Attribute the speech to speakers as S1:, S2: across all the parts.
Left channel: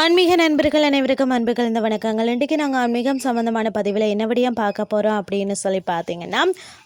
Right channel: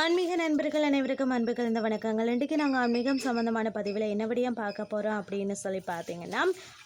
S1: ஆன்மீக நண்பர்கள் அனைவருக்கும் அன்புகள் இந்த வணக்கங்கள். இன்றைக்கு நாங்கள் ஆன்மீகம் சம்மந்தமான பதிவில் என்ன பார்க்க போகிறோம் அப்படின்னு சொல்லி பார்த்தீங்கன்னா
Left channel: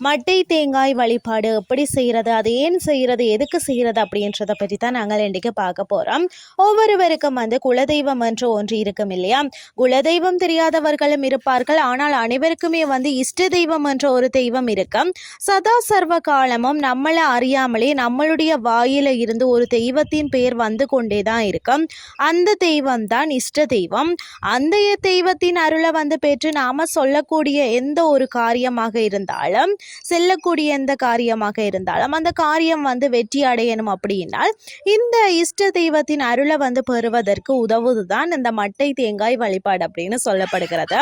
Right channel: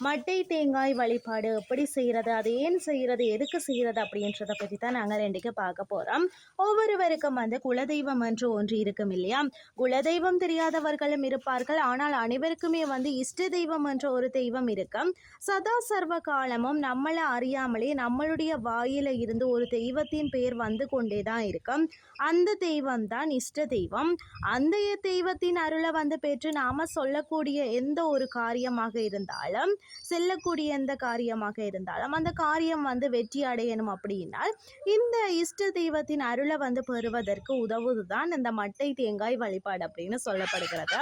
S1: மட்டை தேங்காய் வழிபாடு எப்படி செய்கிறது அது ஏன் செய்கிறது எதுக்கு செய்கிறது அப்படின்றத பற்றி தான் நாங்கள் இன்றைக்கி பார்க்க போகிறோம் ஒவ்வொருவருக்கும் வந்து குலதெய்வம் என்று ஒன்று இருக்கும் இல்லையா? குலதெய்வம் தெரியாதவர்களும் இருப்பார்கள். ஆனால் அனைவருக்குமே வந்து இஷ்ட தெய்வம் என்ற ஒரு தெய்வம் இருக்கும். சதா சர்வ காலமும் நம்மளை அறியாமலே நம்மளுடைய வாயில இருந்து ஒரு தெய்வத்தின் பெயர் வந்து கொண்டே தான் இருக்கும். அந்த தெய்வம் தான் இஷ்ட தெய்வம். அந்த தெய்வத்தின் அருளை வந்து பெற்று நாம சொல்லக்கூடிய எந்த ஒரு காரியமாக இருந்தாலும் செல்லக்கூடிய எந்த காரியமாக இருந்தாலும் அந்த காரியம் வந்து வெற்றி அடையணும் அப்படின்னால் இந்த இஷ்ட தெய்வத்தின் அருளை வந்து பெறுவதற்கு உதவுதுதான் இந்த மட்டை தேங்காய் வழிபாடு அப்படின்னு சொல்லப்படுகிறது.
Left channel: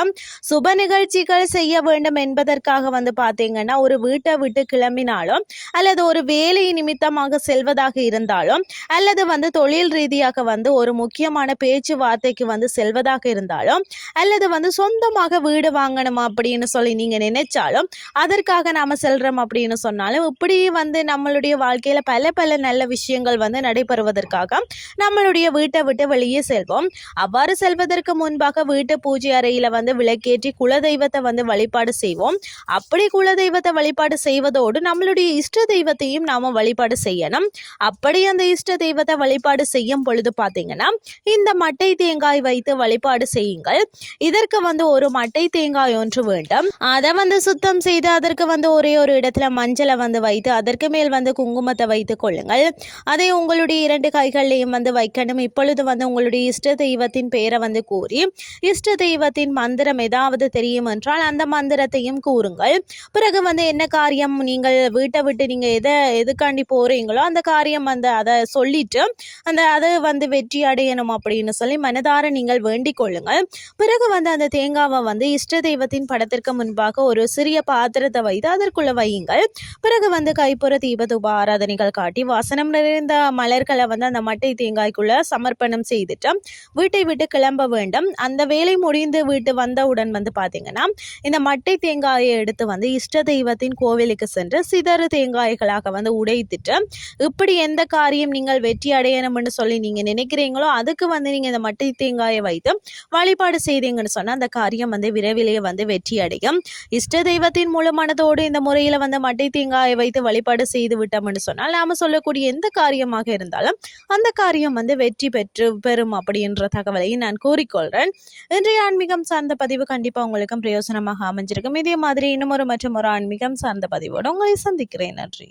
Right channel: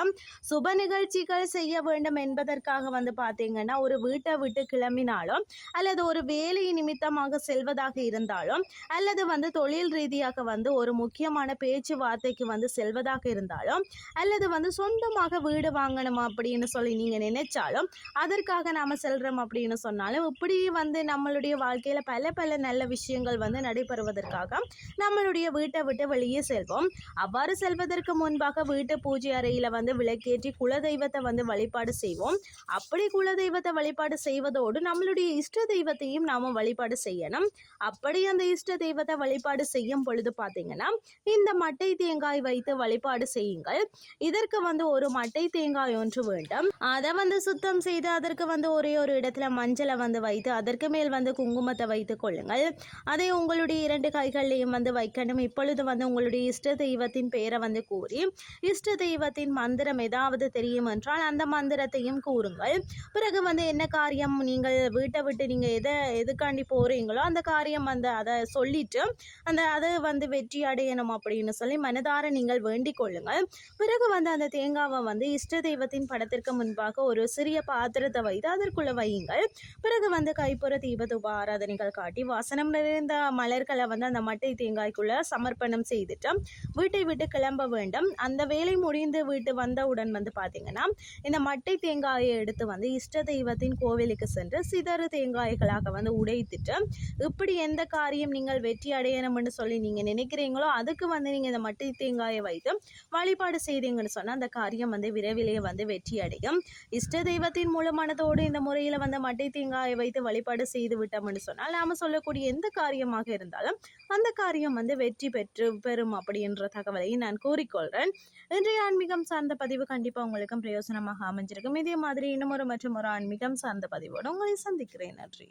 S1: சுப நிகழ்ச்சிகள் செய்ய வேண்டும் என்பதற்காக வந்து பார்த்தீங்கன்னா ஒரு வீட்டை விட்டு கிளம்பினாலும் அல்லது ஒரு வேலை நிமித்தமாக செல்வதாக இருந்தாலும் அல்லது வந்து தொழில் ரீதியாக வந்து ஒரு முக்கியமான பேச்சு பேச்சுவார்த்தைக்கு வந்து செல்வதாக இருந்தாலும் அல்லது வந்து சொந்தமாக வீடு வாங்கணும் அப்படின்னு சொல்லி நீங்கள் நினைச்சாலும் அதற்காக நாம் செல்கிறோம் அப்படின்னு சொன்னாலும் இப்படி வந்து நம்மளுடைய வாழ்க்கையில் பல பல நல்ல விஷயங்கள் வந்து நடைபெறுவதற்காக நம்மளுடைய வீட்டை விட்டு வெளியே செல்வோம். அவ்வாறு செல்வதற்கு முன்பாக வீட்டு பூஜை அறையில் வந்து விளக்கேற்றி குலதெய்வத்தை வந்து வழிபாடு செய்வோம். அப்படி குலதெய்வத்தை வழிபாடு செய்வதோடு நம்மளுடைய இஷ்ட தெய்வத்தையும் நாம் வழிபாடு செய்யணும். அப்படி அந்த இஷ்ட தெய்வத்தை வழிபாடு செய்யும் பொழுது பார்த்தீங்கன்னா இந்த மட்டை தேங்காய் வைத்து வழிபாடு செய்யுங்கள். இதற்கு வந்து ஒரு மட்டை தேங்காய் ஒன்று வேண்டும். அதை வந்து சுத்தம் செய்து அதற்கு வந்து ஒரே ஒரு இடத்துல மஞ்சளை வந்து வைத்து அதற்கு மேல் வந்து குங்குமத்தை வைத்து கொள்ளுங்கள். அதை உங்களுடைய இரண்டு கைகள்லையும் வந்து வைக்கணும். இப்பொழுது வந்து உங்களுடைய இஷ்ட தெய்வத்தின் பெயரை வந்து கூறி இஷ்ட தெய்வத்தின் மந்திரம் ஏதாவது தெரியும் என்றால் அந்த மந்திரத்தையும் கூறுங்கள். பிறகு வந்து என்ன காரியம் நீங்கள் வீட்டை விட்டு நீங்கள் எதை எதுக்காண்டி போகிறீங்களோ அந்த காரியம் வந்து அதை சொல்லிட்டு அந்த அதை வந்து வெற்றி அடையணும் அப்படின்னு சொல்லி மனதார நீங்கள் வேண்டிக் கொள்ளுங்கள். பிறகு வந்து அந்த தேங்காவை வந்து இஷ்ட தெய்வத்தின் படத்திற்கு முன்பாக ஒரு சிறிய பாத்திரத்தை வைத்து அதற்குள்ள வையுங்கள். பிறகு வந்து கைப்புற தீபதூப ஆராதனைகள் காட்டி வாசனம் நிறைந்த மலர்களை வந்து அந்த மட்டை தேங்காய்க்குள்ள சமர்ப்பணம் செய்துட்டு வீட்டை விட்டு கிளம்ப வேண்டும். அந்த வேலை முடிந்து வீட்டு வந்தவுடன் வந்து பார்த்தீங்கன்னா இந்த மட்டை தேங்காயை எடுத்து வந்து இஷ்ட தெய்வத்தின் கோவிலுக்கு சென்று சிதறு தேங்காய்களாக வந்து உடைத்துட்டு இப்படி எந்த காரியம் நீங்கள் வெற்றி அடையணும்னு சொல்லி நீங்கள் நினைக்கிறீங்களோ அதுக்கு வந்து நீங்கள் இந்த மட்டை தேங்காயை வைத்து வழிபாடு செய்தீங்கன்னு சொன்னால் அந்த காரியம் வந்து விரைவிலேயே வந்து வெற்றி அடையும். இஷ்ட தெய்வத்தின் முழு மனதோடு இந்த முறையில் வந்து மட்டை தேங்காயை வைத்து வழிபாடு செய்து விட்டோம்னு சொன்னால் நாம் சொல்லக்கூடிய எந்த காரியமாக இருந்தாலும் அந்த காரியம் வந்து வெற்றி பெற்று பெறும் அப்படின்ற தகவலை நான் கூறிக்கொள்கிறேன் இன்றைய ஆன்மீகம் சார்ந்த பதிவு கண்டிப்பாக உங்களுக்கும் பிரயோசனமாக அமைஞ்சிருக்கும். இதே மாதிரி இன்னும் ஒரு மற்றும் ஒரு ஆன்மீகம் சார்ந்த பதிவோடு உங்களை சந்திக்கிறேன். நன்றி.